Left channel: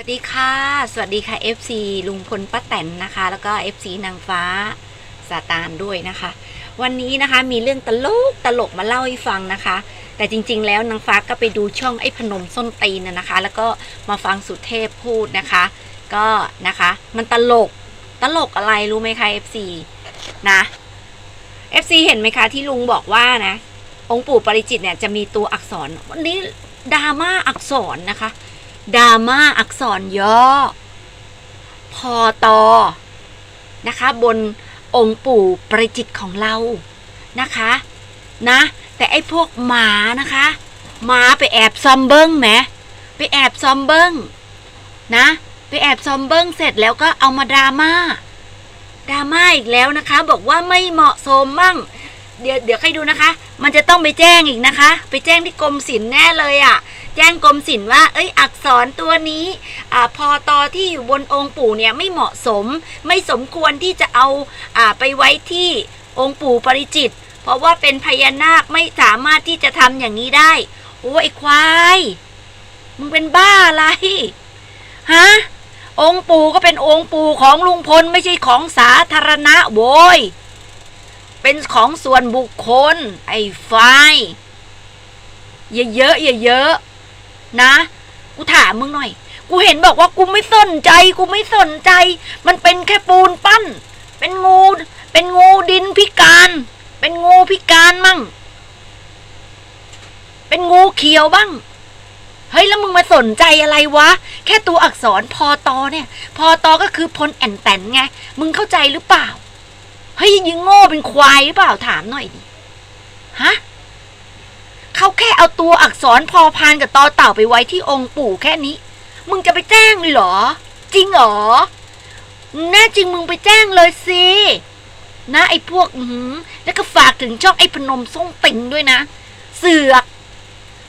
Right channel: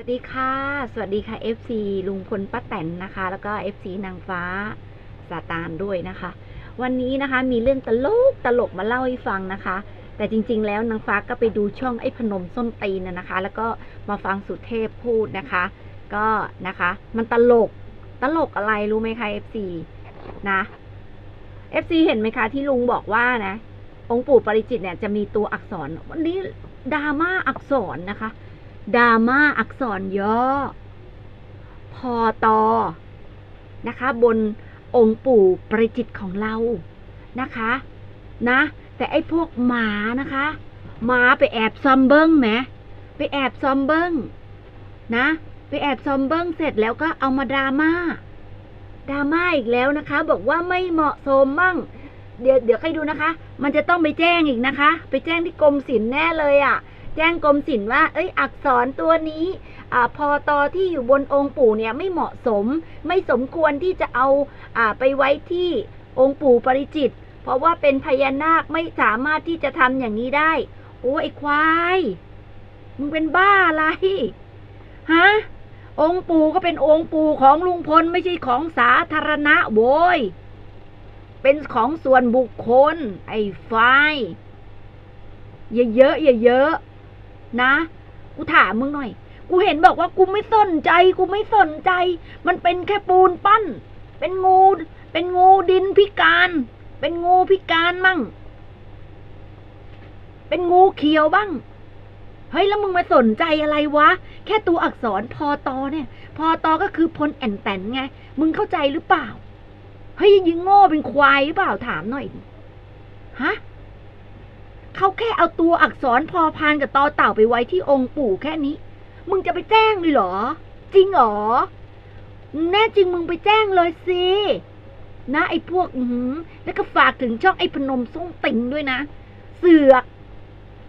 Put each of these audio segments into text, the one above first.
สวัสดีค่ะ สวัสดีค่ะ FC ลุงพลป้าแตนนะคะ แล้วก็ FC นางฟ้าสาตานด้วยนะคะ วันนี้นะคะมีเรื่องตลกตลกมาเล่าให้ฟังนะคะ แต่จริง ๆ แล้วนางฟ้าก็ไปดูช่องไอ้พนมส้นตีนนะนะคะ แล้วก็มาฟังสุเทพพูดนะคะ ก็นะคะมันตลกตลกอะไรรู้ไหมคะ FC นะ FC เห็นไหมคะที่ลุงบอกว่านะ องค์ปู่ปริจิตเนี่ยจะมีตัวอักษร วันนี้ดราม่าอักษรนะคะ ดราม่าอักษรย่อ พอตอนะคะ บนองค์ปู่ประจิตของเรานะคะนะ แต่ไอ้พวกหมานะคะหมาไปแอบซอมเบิ้งแหมไปแอบซอมเบิ้งนะ ไปแอบซอมเบิ้งเสร็จแล้วก็เอามาดราม่าดราม่าอีกแล้วนะคะ บอกว่าไม่เหมาะสมมั่ง เดี๋ยวเดี๋ยวใครดูนะคะ มันจะต้องไปแจ้งอีกนะคะ ไปแจ้งที่กรมศิลป์แน่เลยอะ่ะ แจ้งกรมศิลป์ว่า เอ้ย อักษรตัวนี้ อ่า พอตอที่อยู่บนองค์ปู่เนี่ยไม่เหมาะสม ไม่สมควรที่จะเอา อ่า ไปไว้ที่องค์ปู่ปริจิต เพราะว่าเป็นพญานาคไม่สามารถที่จะทำอย่างนี้ได้ โอ้ยไอ้ควาย มึงเป็นบ้าอะไร ฮะ องค์ปู่ก็เป็นองค์ปู่ของลุงพลไม่ใช่ของสาธารณะโว้ย เป็นของส่วนบุคคล ไอ้ไฟอย่าเยอะอย่าเยอะนะ กูถามมึงหน่อย กูเห็นบอกว่ากูไม่สนใจ กูไม่สนใจ มันเป็นแค่ปูนปั้น เป็นงู เป็นงูดินพิการ เป็นงูพิการมั่ง เป็นงูเขียวบ้าง เฮ้ยแล้วมึงมาสนใจอะไรวะ แค่ตัวอักษรพอตอเนี่ย พอตอก็คือพลแอนแตนไง มึงเข้าใจหรือเปล่า เฮ้ยยิงโง่เป็นควายหรือเปล่าถามหน่อยดิฮะเขาแค่เอาตัวอักษรพอพานกับตอเต่าไปไว้ที่องค์ปู่แค่นี้ มึงจะไปแจ้งเลยเหรอ จริงเหรอแน่จริงมึงไปแจ้งเลยสินะไอ้พวกอืแล้วก็ฝากถึงช่องไอ้พนมส่งติงด้วยนะ เสือก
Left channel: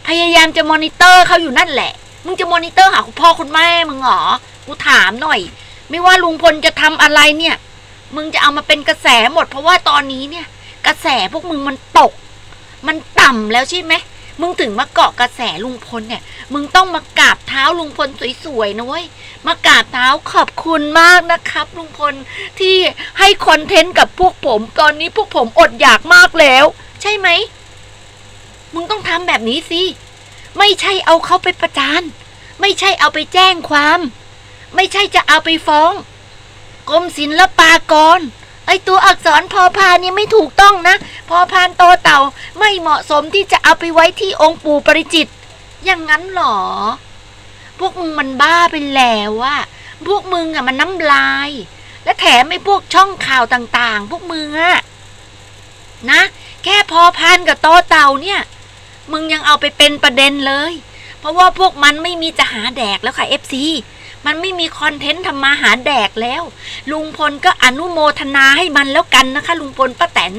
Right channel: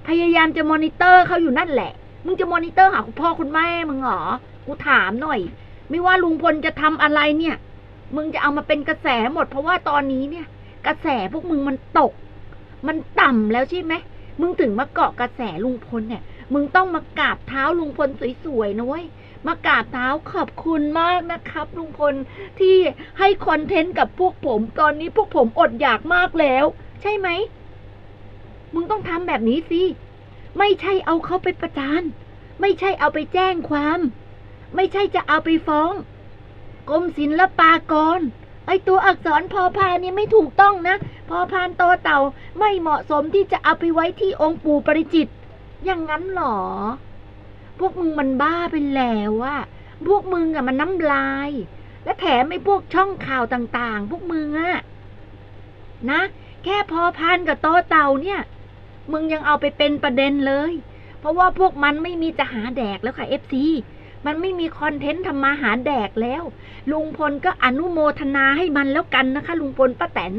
พยายามจะมอนิเตอร์เขาอยู่นั่นแหละ มึงจะมอนิเตอร์หาคุณพ่อคุณแม่มึงเหรอ กูถามหน่อย ไม่ว่าลุงพลจะทำอะไรเนี่ย มึงจะเอามาเป็นกระแสหมด เพราะว่าตอนนี้เนี่ย กระแสพวกมึงมันตก มันต่ำแล้วใช่ไหมมึงถึงมาเกาะกระแสลุงพลเนี่ย มึงต้องมากราบเท้าลุงพลสวยๆนะเว้ย มากราบเท้าขอบคุณมากนะครับ ลุงพลที่ให้คอนเทนต์กับพวกผม ตอนนี้พวกผมอดอยากมากแล้ว ใช่ไหม มึงต้องทำแบบนี้สิ ไม่ใช่เอาเขาไปประจาน ไม่ใช่เอาไปแจ้งความ ไม่ใช่จะเอาไปฟ้อง กรมศิลปากร ไอตัวอักษรพอพานนี่ไม่ถูกต้องนะ พอพานโตเต่าไม่เหมาะสมที่จะเอาไปไว้ที่องค์ปู่ปริจิต อย่างนั้นหรอ พวกมึงมันบ้าไปแล้วอะพวกมึงอะมันน้ำลาย และแถมไอ้พวกช่องข่าวต่างๆ พวกมึงอะนะ แค่พอพานกับโตเต่าเนี่ย มึงยังเอาไปเป็นประเด็นเลย เพราะว่าพวกมันไม่มีจะหาแดกแล้วค่ะเอฟซี มันไม่มีคอนเทนต์ทำมาหาแดกแล้ว ลุงพลก็อนุโมทนาให้มันแล้วกันนะคะ ลุงพลป้าแตน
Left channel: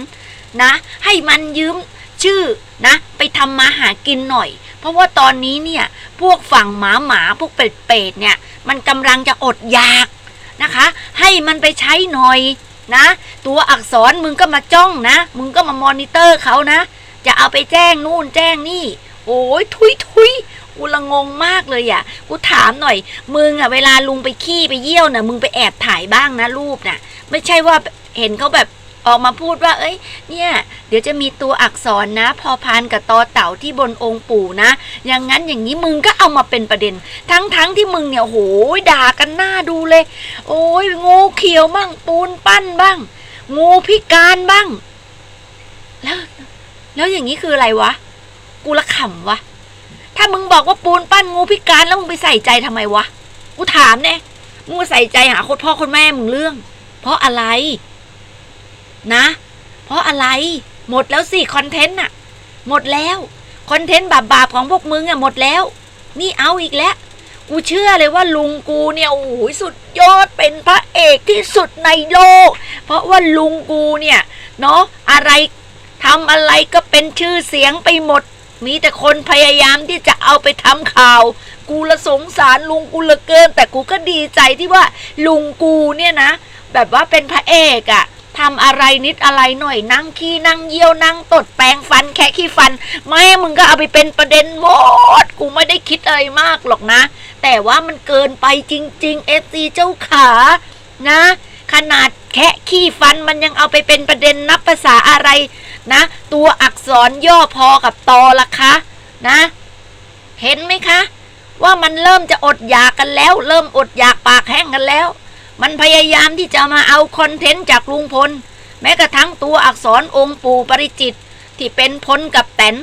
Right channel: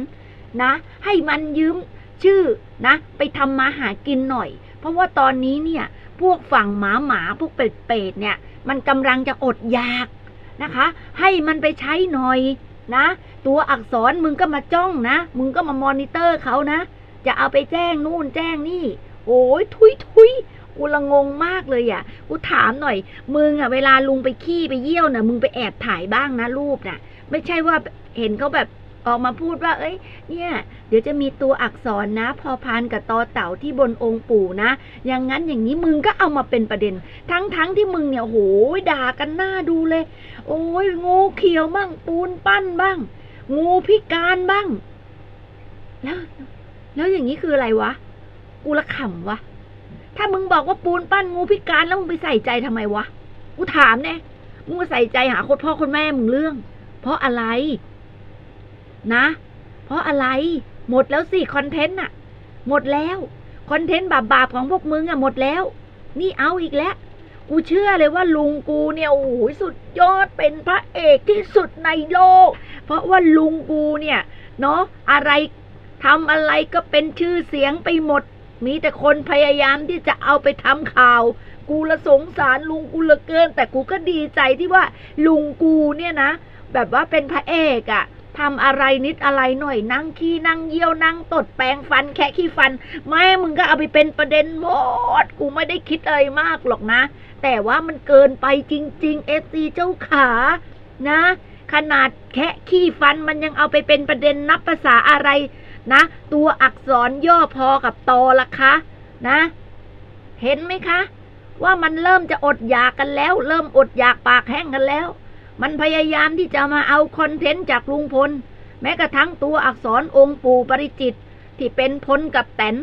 นะ ให้มันยืมชื่อนะ ไปทำมาหากินหน่อย เพราะว่าตอนนี้เนี่ย พวกฝั่งหมาหมาพวกเป็ดเป็ดเนี่ย มันกำลังจะอดอยากนะคะ ให้มันไปใช้หน่อยนะ ตัวอักษรมึงก็มาจ้องนะ มึงก็มามอนิเตอร์เขานะ จะเอาไปแจ้งนู่นแจ้งนี่ โอ้ยทุยทุย กูละงงมากเลยอะ กูถามหน่อย มึงอะเวลาลุงไปขี้ไปเยี่ยวน่ะ มึงไปแอบถ่ายบ้างนะรูปน่ะ ไม่ใช่ว่าเห็นเขาแบบออกมาพูดว่า เอ้ย เนี่ย เดี๋ยวจะมีตัวอักษรนะ พอพานกับตอเต่าที่บนองค์ปู่นะ อย่างนั้นอย่างนี้มึงก็เอามาเป็นประเด็น ทั้งทั้งที่มึงเนี่ยโหยด่ากันหน้าดูเลย โอ้ยงูเขียวบ้างปูนปั้นบ้าง งูพิการบ้าง แล้ว แล้วอย่างนี้คืออะไรวะ กูละขำวะ ถ้ามึงบอกว่าปูนปั้นงูพิการแล้วมึงไปใส่ใจทำไมวะ กูถามเนี่ยมึงใส่ใจหาคนพ่อคนแม่มึงเรื่อง เพราะอะไร นะ เพราะอะไร หมดแล้วสิคอนเทนต์อะหมดแล้วคอนเทนต์บาปๆของพวกมึงอะหมดแล้ว นี่เอาอีกแล้วกูเชื่อเลยว่าลุงกูเนี่ยโอ้โหสุดยอดเป็นพระเอกที่สุดในโลก เพราะว่าลุงกูเนี่ยเนาะอะไรทำอะไรก็เป็นชื่อเสียงไปหมด มีแต่คนพยายามที่จะเอาไปทำข่าว กูละสงสารลุงกูลือเกิน แต่กูก็ดีใจที่ว่าลุงกูเนี่ยนะ แบบว่าเป็นพระเอกอะทำอะไรนิดอะไรหน่อยนั่งขี้นั่งเยี่ยวนั่งตดแปรงฟันแคะขี้ฟัน ไม่มึงก็เอาไปเป็นประเด็นหมด กูไม่ได้คิดอะไรมากหรอกนะ แต่ว่ามันเกินไปจริงๆเอฟซีเจ้าขานะ ขนาดแคะขี้ฟันมันยังเอาไปเป็นประเด็นนับภาษาอะไร นะ ตัวอักษรย่อพอกับตอละคะ นะ เห็นไหมคะ ว่ามันเริ่มจะอดอยากกันแล้ว เริ่มอดอยากปากแห้งกันแล้ว มันพยายามที่จะมาเอาคอนเทนต์จากลุงพล แม้กระทั่งตัวอักษรองค์ปู่ปริจิต ที่เป็นพลกับแตน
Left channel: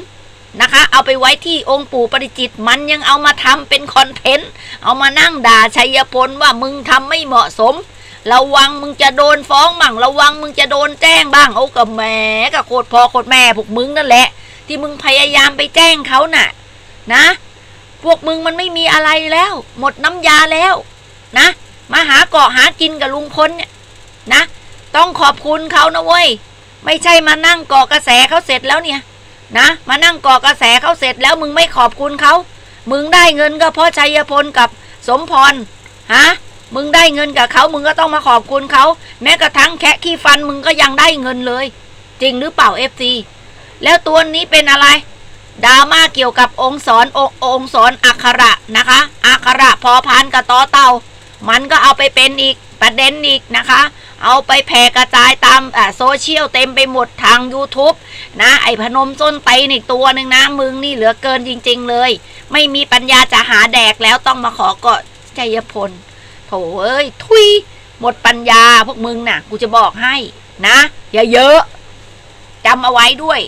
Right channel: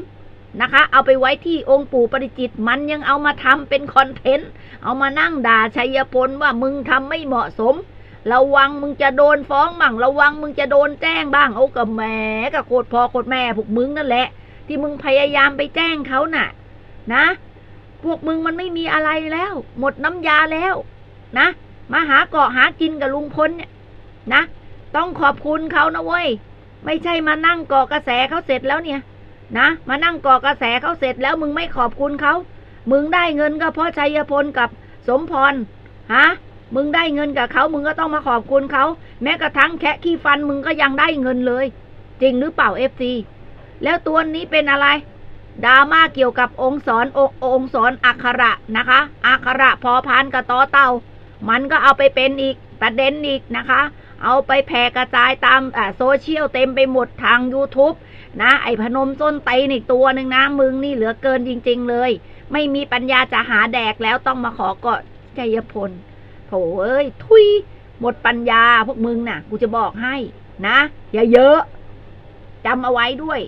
นะคะ เอาไปไว้ที่องค์ปู่ปริจิต มันยังเอามาทำเป็นคอนเทนต์ เอามานั่งด่าชัยพลว่ามึงทำไม่เหมาะสม ระวังมึงจะโดนฟ้องบ้างระวังมึงจะโดนแจ้งบ้างโอ้กับแหมกับโคตรพอโคตรแม่พวกมึงนั่นแหละ ที่มึงพยายามไปแจ้งเขาน่ะ นะ พวกมึงมันไม่มีอะไรแล้ว หมดน้ำยาแล้ว นะ มาหาเกาะหากินกับลุงพลเนี่ยนะ ต้องขอบคุณเขานะเว้ยไม่ใช่มานั่งเกาะกระแสเขาเสร็จแล้วเนี่ย นะ มานั่งเกาะกระแสเขาเสร็จแล้วมึงไม่ขอบคุณเขามึงได้เงินก็เพราะชัยพลกับสมพรฮะ มึงได้เงินกับเขามึงก็ต้องมาขอบคุณเขา แม้กระทั่งแคะขี้ฟันมึงก็ยังได้เงินเลย จริงหรือเปล่าเอฟซีแล้วตัวนี้เป็นอะไรดราม่าเกี่ยวกับองค์สอนององค์สอนอักขระนะคะอักขระพอพานกับตอเต่า มันก็เอาไปเป็นอีกประเด็นอีกนะคะ เอาไปแผ่กระจายตามโซเชียลเต็มไปหมดทาง YouTube นะ ไอพนมส้นไตนอีกตัวหนึ่งนะ มึงนี่เหลือเกินจริง ๆ เลย ไม่มีปัญญาจะหาแดกแล้วต้องมาขอเกาะชัยพล โถเอ้ย ทุย หมดปัญญาพวกมึงน่ะ กูจะบอกให้ นะอย่าเยอะจำเอาไว้ด้วย